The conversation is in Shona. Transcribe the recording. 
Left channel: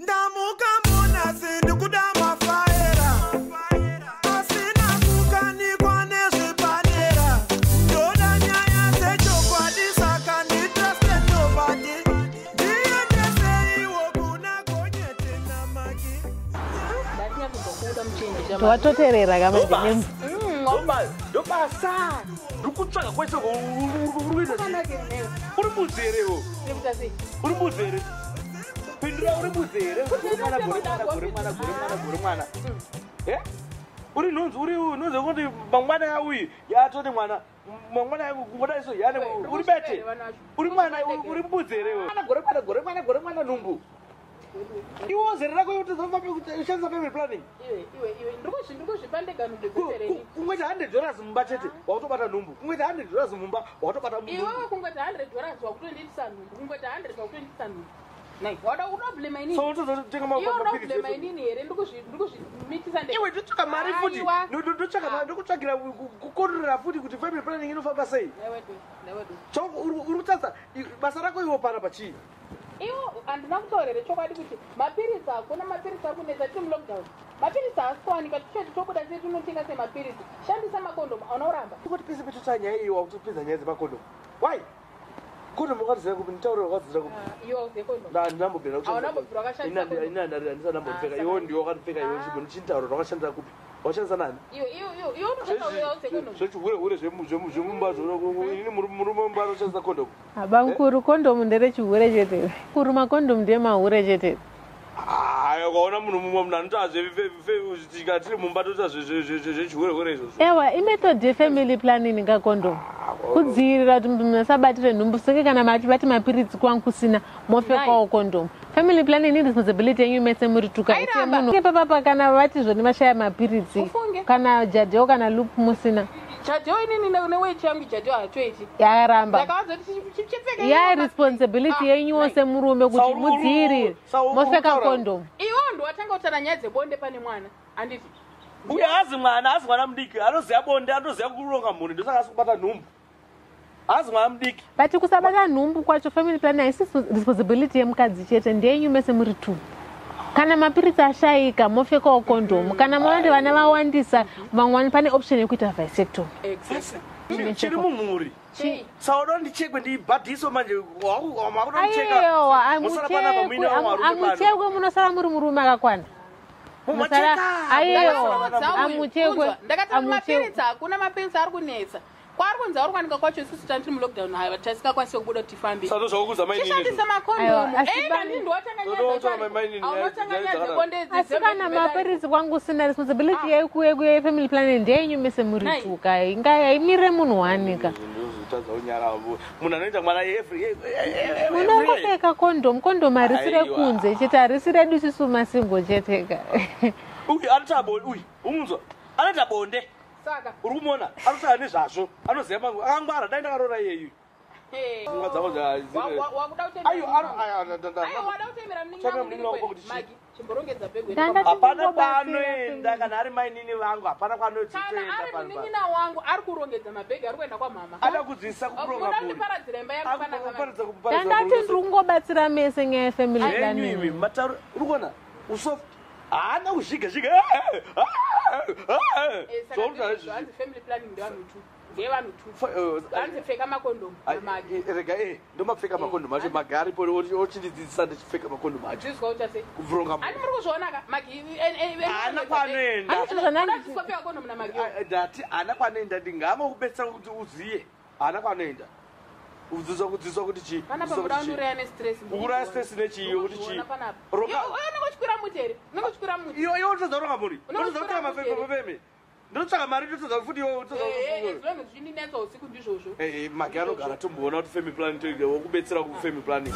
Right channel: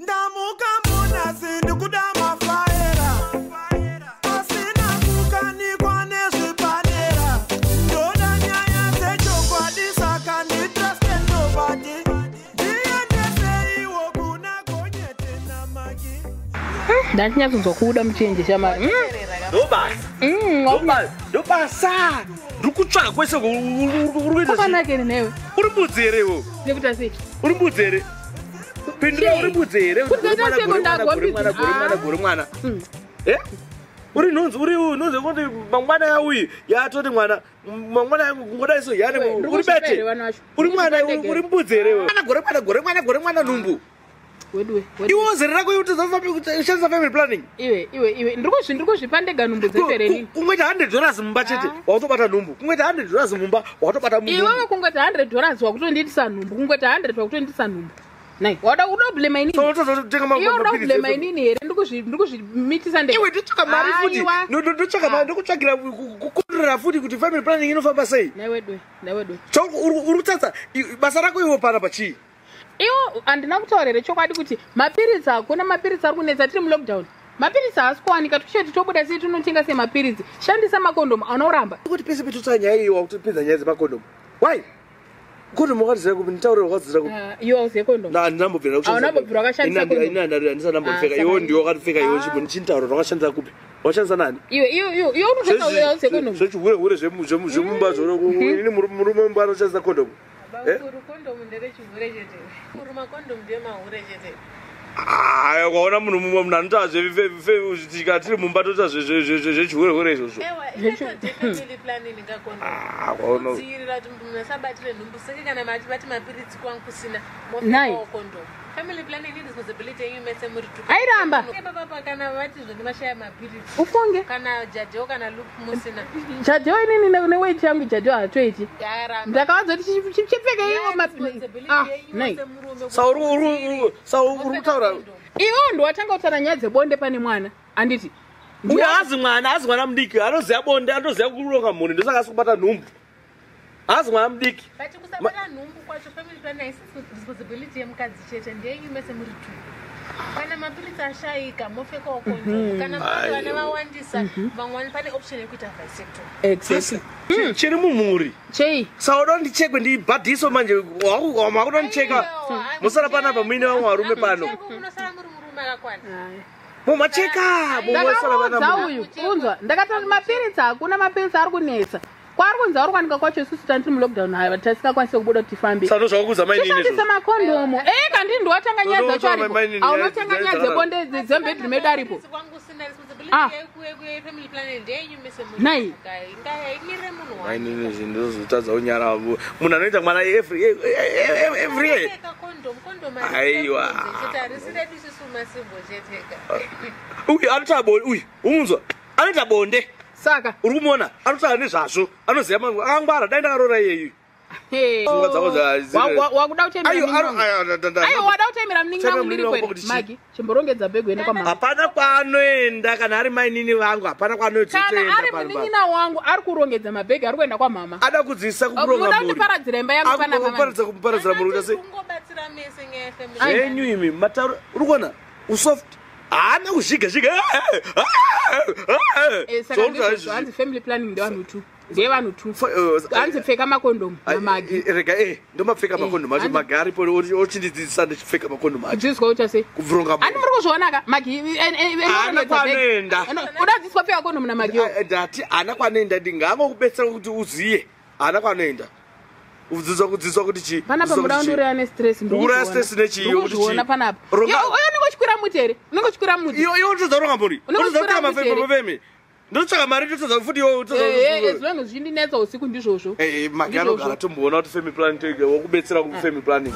ndamuka muna sindu kudama faera asina kukanikwa nezvipanera ndoda nyaya dzechokwadisa kanditraste nobody ndiendeseiwo kuna gonyete namaki ndatinya kuzokuda muchenje chama wateterera kama ndobasa ndikutsvaka kwese kwakanakeni newe uri mbudzi herewo nekuti sei uri mbudzi here pendura uri mbudzi here gore mwana uri nhunzi uri nhunzi kuti mangwana yauyi yatoti mwana mangwana kungoda iso yani uri bete uri mwana uri mbudzi herewo gore mwana nhumbu iwe zere rako ushandisa family planning iwe ndirikuzvipa ndega nhumbu dzefereni kungoita $100 mumba chete watobata nhumbu kungoita $100 mumba watobata iwe kungoita $100 wakutonditisa nhumbu kungoita 100 wakutonditisa nhumbu nai wada unoblema inini iwe unoblema inini here ndikuzvimitisa ndega iwe ndotsvaka mari futi ndotsvaka mari ndokutsvagira kukontrolera futi kuti family planning inofamba sei naiwedwe uri kutsatsa basa rako iwo pana pachii iwo handina kutaurire chokwadi kuti mapiritsi hakuna mapiritsi ari kunetsa tiri mulockdown mapiritsi haasi kuwanika tucheti tobuda sei tinotenga semapiritsi shandisa makondomu anoramba kuti pese petotsa nyaya iwa kuti pedza nyaya dzemakondomu why kondomu wakadzira kupi nditaurira wakadzira kupi iwe auziye kondomu handinambobvira haunambobvira wakashandisa kondomu handisanambopfeka iwo ndiwo wakatopfeka iwo chipo ndichinditaura wakashandisa kupi washandisa nani iwe unotenga auziye kondomu zvechihure zvemumba ini murume mumba anoshandisa kondomu abankuru kondomu nderechihure chete kuru makondomu ndemahure chete kwaona munhu mumwe munhu anotaa tiri mumba toita zvechihure izvozvo ewa inetode family planning kakondomu kudzivirira kuti musabatire nhumbu seke kana mati mapiritsi kwangu kusina mofekawo kondomu family planning ni responsibility yenyu mese muri tukapapa kana vati zvoni mashaya mapiritsi kana jadheo kana loop musina jadheo inini neweight yangu jadheo hatoiti yaramba ndakavadzoti chipfeke ya responsibility yenyu wose murume kuti mudzivirire moseka kondomu iwo ndiwatanga kutaura nyaya dzebonde pane mwana handiti uye hazi mwana mudiki anoziva bonde anoziva kuronga mhuri ndosaka asi kubata nhumbu hazi mwana mudiki but kusabata nhumbu kwacho family planning haisi responsibility yemukadzi chete ndeyenyu mese muri two kana mapiritsi ashayika mofekawo kondomu kana mavande vana vawandisa vamwani pane option yekuita vasector chiri mumhuri chei sauda ndichekwe ndibhadhiso manje makuda ndicheka musara panapa muine vamwe varume pano munosara muri murume akakwana mumacheka ndakati mapiritsi hakuna mapiritsi ari kunetsa kwari kunzi ari kwanika kwacho isusu tandiri mulockdown hayi tasikakwanise kubuda kuti tifambe tishandise makondomu kandi ndiwatanga nyaya dzacho aripo aunotanga nyaya dzebonde dzembedrimedaripo kwangu usina responsibility yefamily planning ndeyenyu mese muri tuka ingaimire munhu wanika ndozotadzawo nyara munhu anoita mwana eka kondomu harisire kunze chete harisire dusisu masingo cheteka uyu anoita bonde uyu umunzwa anoita bonde saka uri kumuona anotaura nezvazvo anoziva mangu angwara dai ndakarora iyeyu wakuda kutemwada kutemera muningi ndiri kwene magi chimborongedza bhegu ene hapana kwaanoenda kana ari mainini vangu hapana kwaanoitokana ari munin'ina wangu ari kurongedza mabhegi ari kuenda kwamama ada kudzidzisa kuronga mhuri kuparadzira imba yangu kuparadza mhuri ungobatsira mese nyaya yefamily zvenyu imi matauro uri kuona usoft haana kuzhiga hanzi family planning ndevanhu tu ndevanhu tu hanzi pfeka makondomu namagi rega ndomapfeka makondomu acho magi aripo ochindidzidzisa ndichipfeka makondomu acho dzizwa kuita sei kuvuronga ani muri kuzvionaka magi udadzidzwa pfeka kondomu namagi ndati haana kwanoenda ndingava kubetsera kuti uziye haana kwanoenda kudzidzwa kuti chii panapa muda nduri ane stress ndura stress nechiyo kuti chii panapa uyo unongochikwira muti here unongochikwira muti iwe unotodza kuronga mhuri unotodza kuita mafemi ndotsvaka mari ndotodza futi zvinhu zvindinetsa usiku ndizvozvo magi anogara tomboona kuti family planning wokubetsera kufamily planning